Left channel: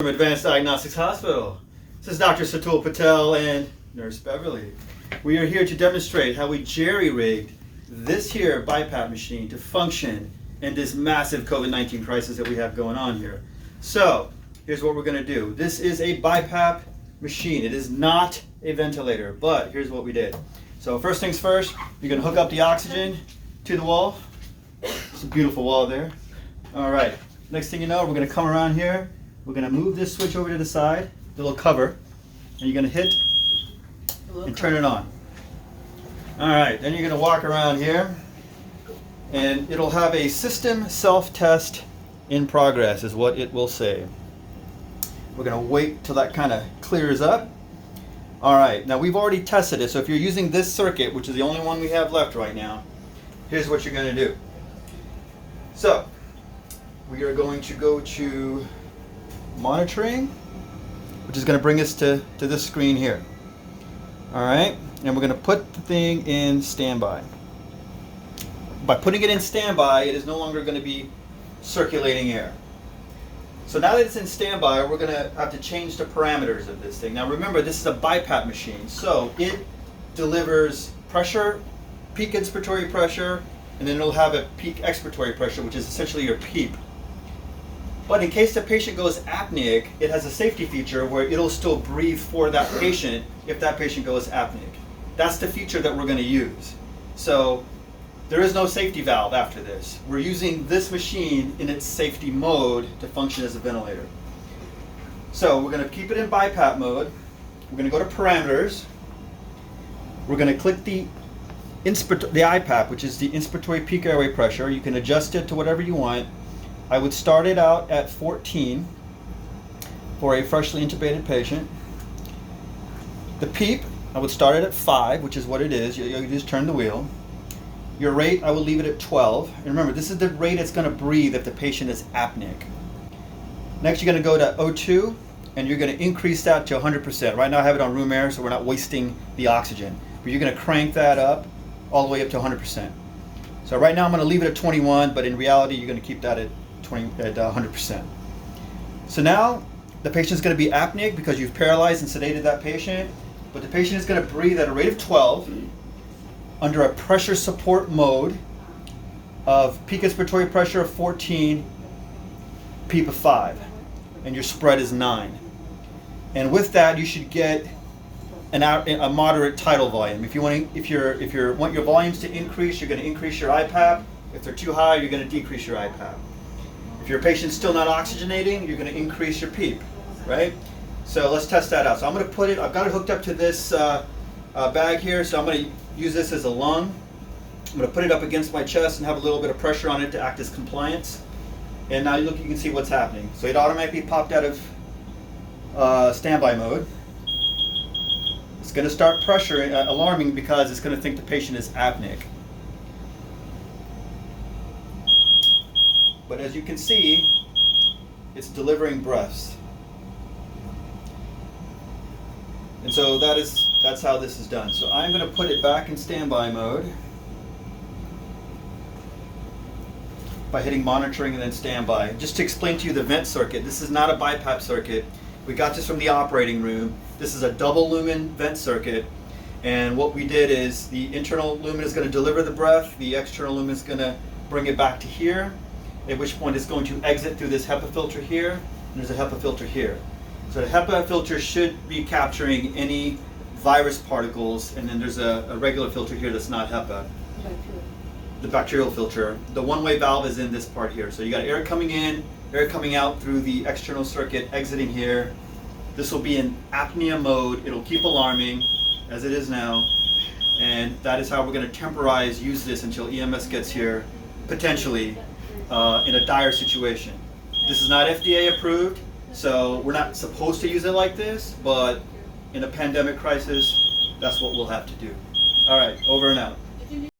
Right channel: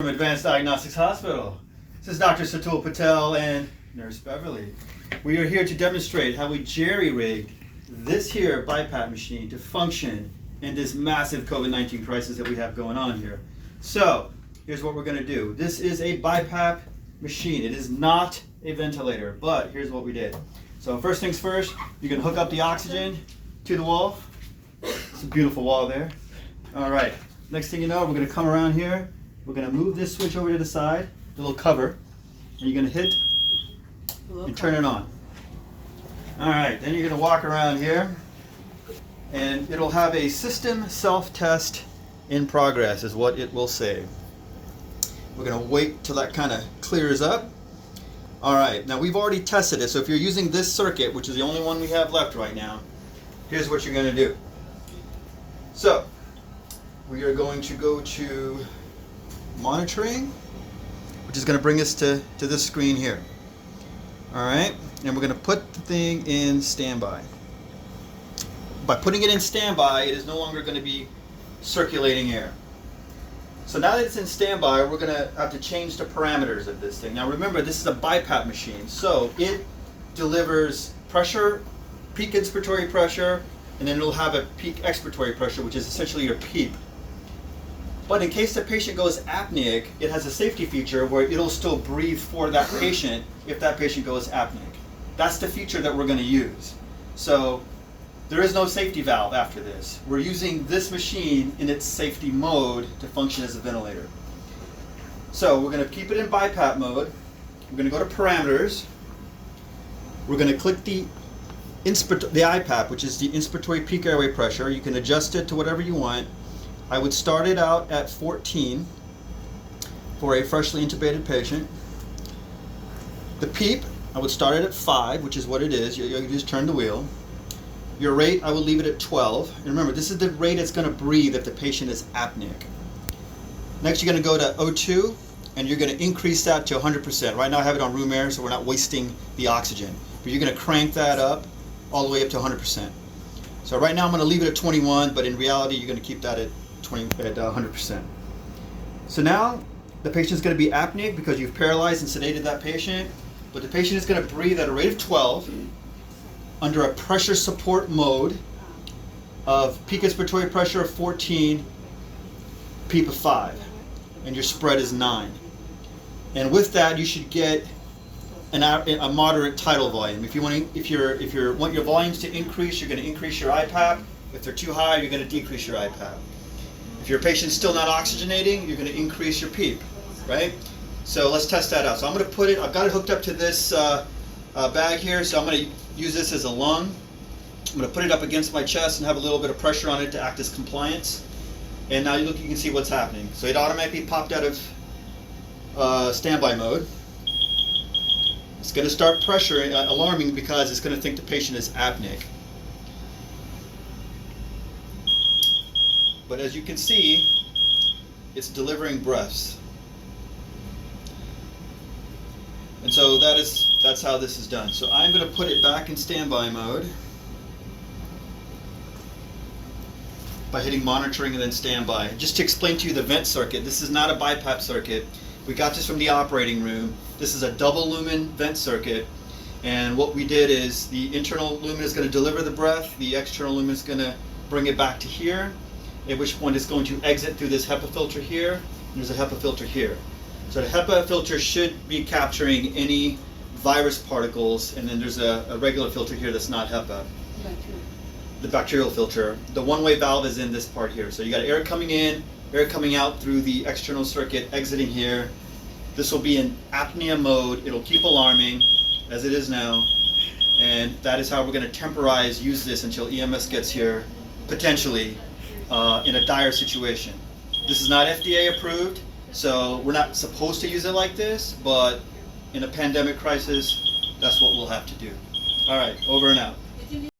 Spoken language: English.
From Advanced Diagnostics Hospital. This is Dr. Satul Patel and Nurse Beverly. We are here to demonstrate how we jerry-rigged this here BiPAP machine to function in this massive COVID-19 crisis that we have going on here. So, here's what we're going to do. This is a BiPAP machine. It is not a ventilator, but here's what we did. So first things first, you're going to hook up the oxygen to the wall. It's a beautiful wall there. All right, next thing you know, we're going to come around here. We're going to move this switch over to the side, the little cover, and you're going to hit and turn it on. All right, then you're going to walk around here, and it'll have a system self-test in progress is what it will say. We're going to wait till that kind of clears up. All right, now we've already tested it, so if you're using this circuit, which is the only one we have left right now, here's what you're going to do. So, we are going to go to monitoring, which is going to bring us to this screen here. All right, and we're going to put the thing in standby. By putting it in standby, it is no longer going to be circulating air. So now that it's in standby, we're going to have to change the parameters of this thing. Now remember, this is a BiPAP machine, so it delivers pressure, peak inspiratory pressure, and then it'll have a peak expiratory pressure, which is essentially your PEEP. But in case the patient goes apneic, it has a safety feature where it'll still breathe for that patient if that patient goes apneic. That's the feature that we're going to use. So there is no safety valve after this. We're using this machine in its safety mode to function as a ventilator. So we're going to keep it in BiPAP mode. We're going to go to parameters. We're going to click the IPAP, which is the inspiratory peak airway pressure. You can adjust it to whatever you want. I would start it out at 14 for a freshly intubated patient. The PEEP, I would start it at 5, which is what it is. You just turn the wheel. Your rate, I would leave it at 12. And remember, this is the rate it's going to breathe if the patient is apneic. Next, you're going to go to O2, and you're going to increase that to 100%. Right now, I have it on room air, so we're not wasting the oxygen. But you're going to crank that up all the way up to 100%. So right now, I'm going to leave it at 21, but in reality, you're going to keep that at 100%. So now the patient is going to be apneic because you've paralyzed and sedated that patient, but the patient is going to breathe at a rate of 12 under a pressure support mode of peak inspiratory pressure of 14, PEEP of 5, and your spread is 9. And with that, you should get a moderate tidal volume. If you want your volumes to increase, you're going to increase your IPAP. If they're too high, you're going to decrease your IPAP. If your patient's still not oxygenating, you're going to increase your PEEP, right? So let's test that out. So I'm going to put it, I've got it hooked up to this bag here, so I'm going to use this as a lung. I'm going to put it up against my chest and have a little bit of pressure on it to act as compliance. And now you can see what's happening. So it automatically popped out of standby mode. It's going to start pressuring, alarming because it's going to think the patient is apneic. But as you can see, it's delivering breaths. And so that's how this is done. So I'm going to put it back in standby mode by hitting monitoring and then standby. Just to explain to you the vent circuit, this is not a BiPAP circuit. We got this from the operating room. This is a double lumen vent circuit. And what we did is the internal lumen is going to deliver the breath. The external lumen is going to bring it back to here, at which point it's going to exit through this HEPA filter here, and there's a HEPA filter here. So the HEPA filter should be capturing any virus particles, and then there's a regular filter here that's not HEPA. The bacterial filter. The one-way valve is in this part here. So you got air coming in, air coming out through the external circuit, exiting here. This will be in apnea mode. It'll keep alarming, as it is now, and that is how we're going to use this until EMS gets here, potentially, in a dire situation. This is not FDA approved, so we're not supposed to use it like this, but in a pandemic crisis, that's what we'll have to do. All right, over and out.